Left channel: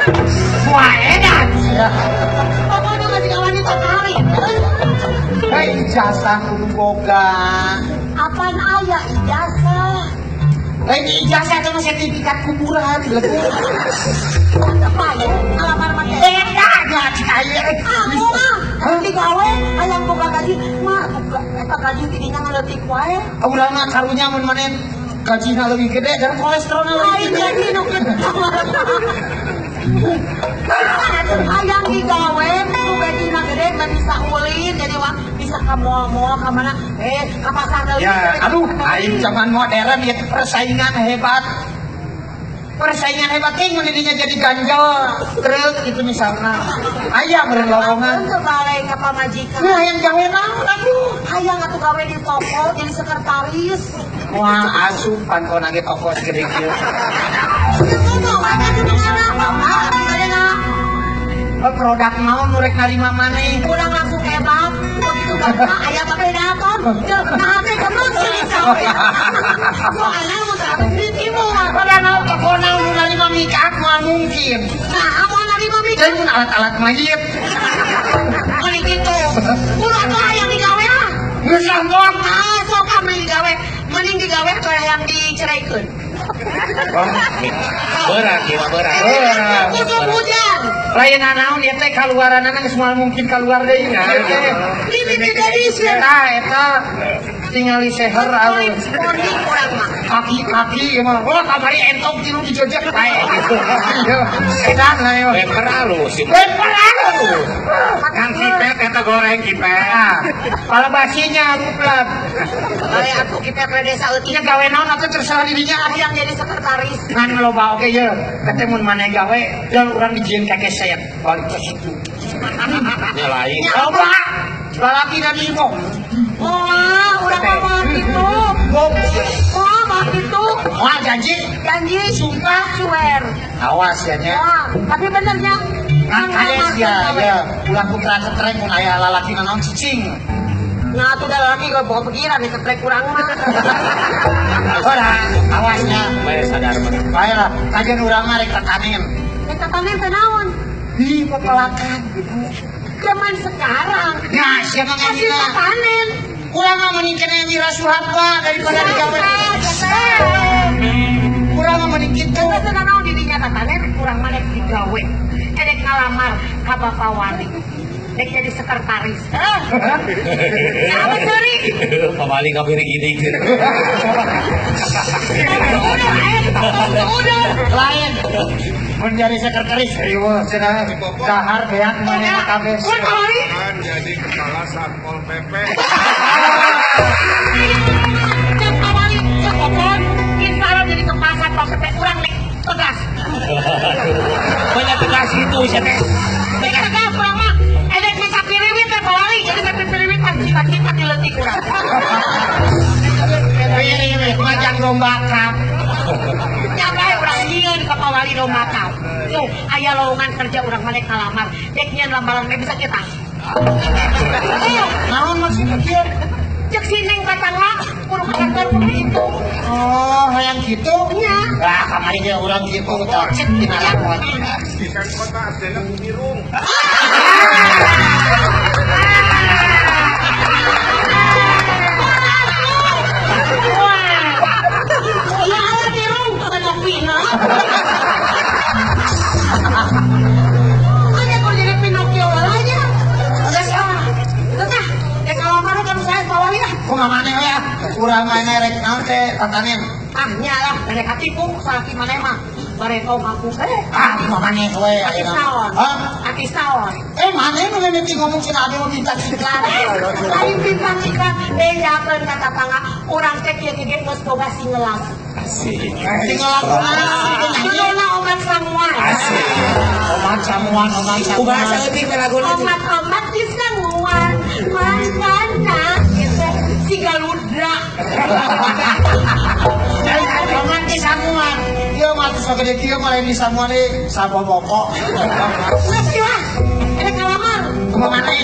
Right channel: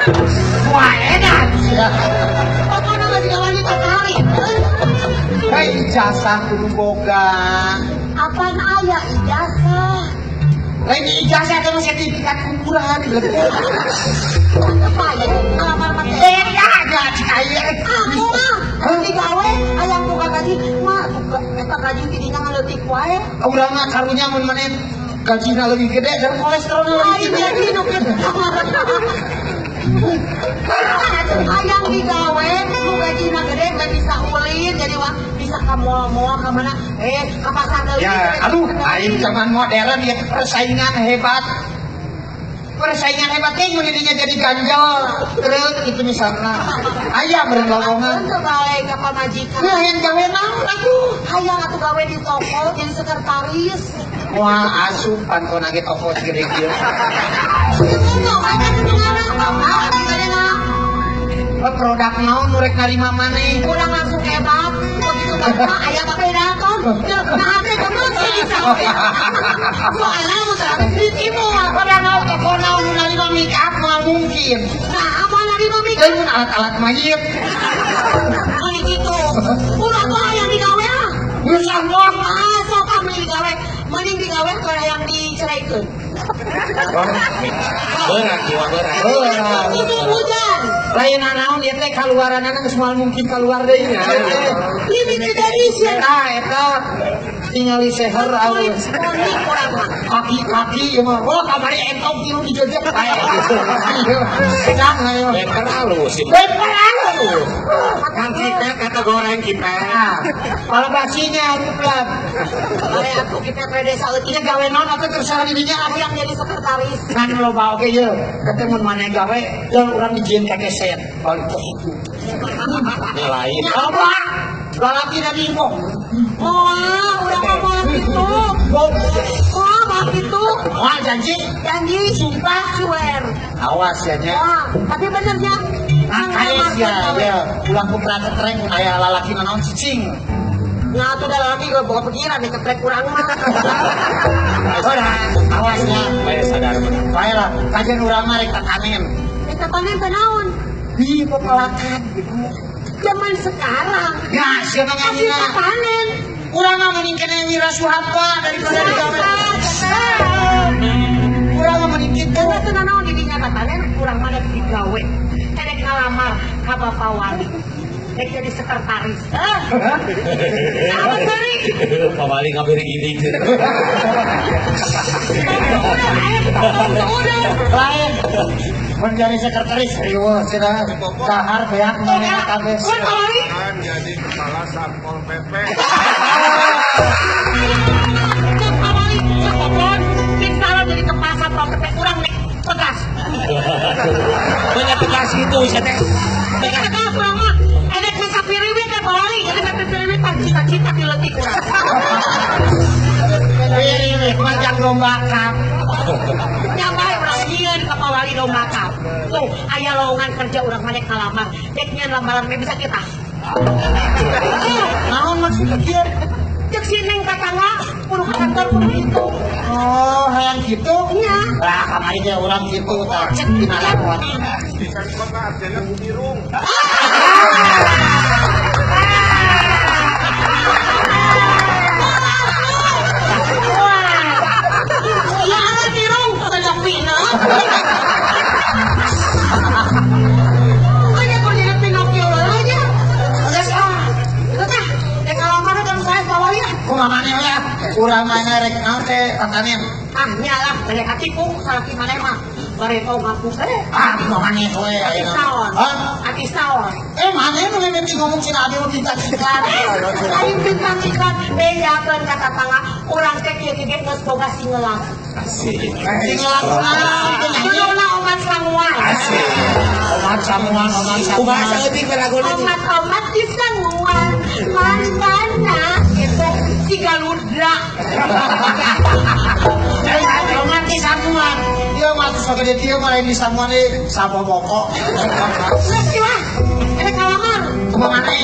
Wah, enak. Pokoknya masih wanita kali. Ijazah kudu boga. Apaan ayah ijazah? Lain ijazah tapi sertifikat kuburan. Apa ya? Alamat Enak ya cahaya. Nanti gawe ayam buka gaji mah eta gaji tidinya leutik wae. Urang karunya mun maneh gajinya lebih gede dan kolesterol lebih tinggi. Ayam digawe nu gajina gede nggak bisa ulin jadi mah bisa kamu kemana apa sandal Ya, aduh, aing zaman modern ya persaingan hebat. Persaingan hebatnya menjadinya jadi ganjal real gitu misalnya. Ayah bergalaman. kembali ke pamajikan. Nah yang gawe mah aduh. Ayah atuh gawe di toko jadi sekretaris. Wah asup kantor lagi toko segede kieu. Oh, produknya murek narima maneh. Kurang langsung edak. Ayah tapi datang. Nanti terus aku alam itu mau apa memang Toko naon narima make up mah mungkin. nah apa lagi mami Dan alat mayit. kayak gitu. Lu apa yang digawe? Bisa ngomong. Ah, sok kami digawe. Mending digawe ke yang diceraikan. Berat, berat. Musim hujan. Lain anak dia teh kaluaran anak semua mungkin keluar deh ya. Limited edition. Nah, eta tinggal di seher alus. Kaki-kaki emang. Oh, kabari entok tinu dijojek kayak gitu. Enak nggak ya? Leper halus. Leper halus. Kan kita kata goreng kita. Kalau basinya rumput. Kayak aku kita pada desa Iya gawe naon apa terserah dirinya. yang jadi sekretaris. Kan kalau bang oke ya, ketemu mana gawe dan orang dijieun kakek saya balik ke situ. Lain. Coba, laki dari itu. Wah, udah kapan itu? Wah, mas itu. Wah janji, Janji simpan suwer. awas ya nya. Tapi benernya. Makanya ya, bulan putra setrek ayah lalaki memang cicing. Nah, tuh dah lagi gak bawa pikiran nih ketrek kurang. Orang, awasnya, saya sadar. Baiklah, kajian urang mah rek tatanin. Kita panen tanaman. Di pepelakan. Zaman sekarang. Nah, siapa Masih nyanyi? panen. Urang mah mending kena nyanyi rasuhan lah daripada di kamar. Urang mah mending gitu. Itu nanau dirinya panen kurang mana digawe. Kerek ngalamar kabar pawani. Kerek jadi sekretaris. Sorry. Kembali ke beri gini. Menjadi sekretaris riweuh cenah dahar beak manehna kabeh. Kan jadi kepala Satpol PP. Saya jadi pembaca prospek kurang nih. Tegas. Banyak tegas gitu saya. Tegas berapa? Ada kisah piriwit apa lagi? Kita tapi piriwit kan cita-cita diletik. Ini banyak lombakan. Yang mana presiden kapal lari lomakan. Tuh, ayah lowongan kerja orang mana kalamar. Deknya lambaran bisa kita. Namun maksudnya kieu? Cek sini batangna kurang kantor begitu. Oh, yang gitu? Iya. Nah, kemarin dia bilang gitu, tak cek di mana orang ini. Ya ada tirung bukan Jopino. Makanya berdiri Pinocchio aja. Ada sama. Itu teh. Dek kalamar dan saya bawahnya. Kumamane ya, urang mana rek naon teh tatanen. Ah, nyalah. Dari hatiku, sakit mana mah. Dari tahu ngaku saya. Ah, kumamane we Kaki ayeuna. sawah. Hah? Kaki sawah. Mana yang mengenai ngomong sih ada kita kita. Mimpi majikan beda pun kata pala orang teh kieu ge geus boga singeula. Umat samuan. Bahasa lebih keraguan. Umat di samuan. Mana gitu si galudra. Umat di samuan. Dia ngaku segede dia malah di sana sama bokok. Ada kalamar. Kumamane.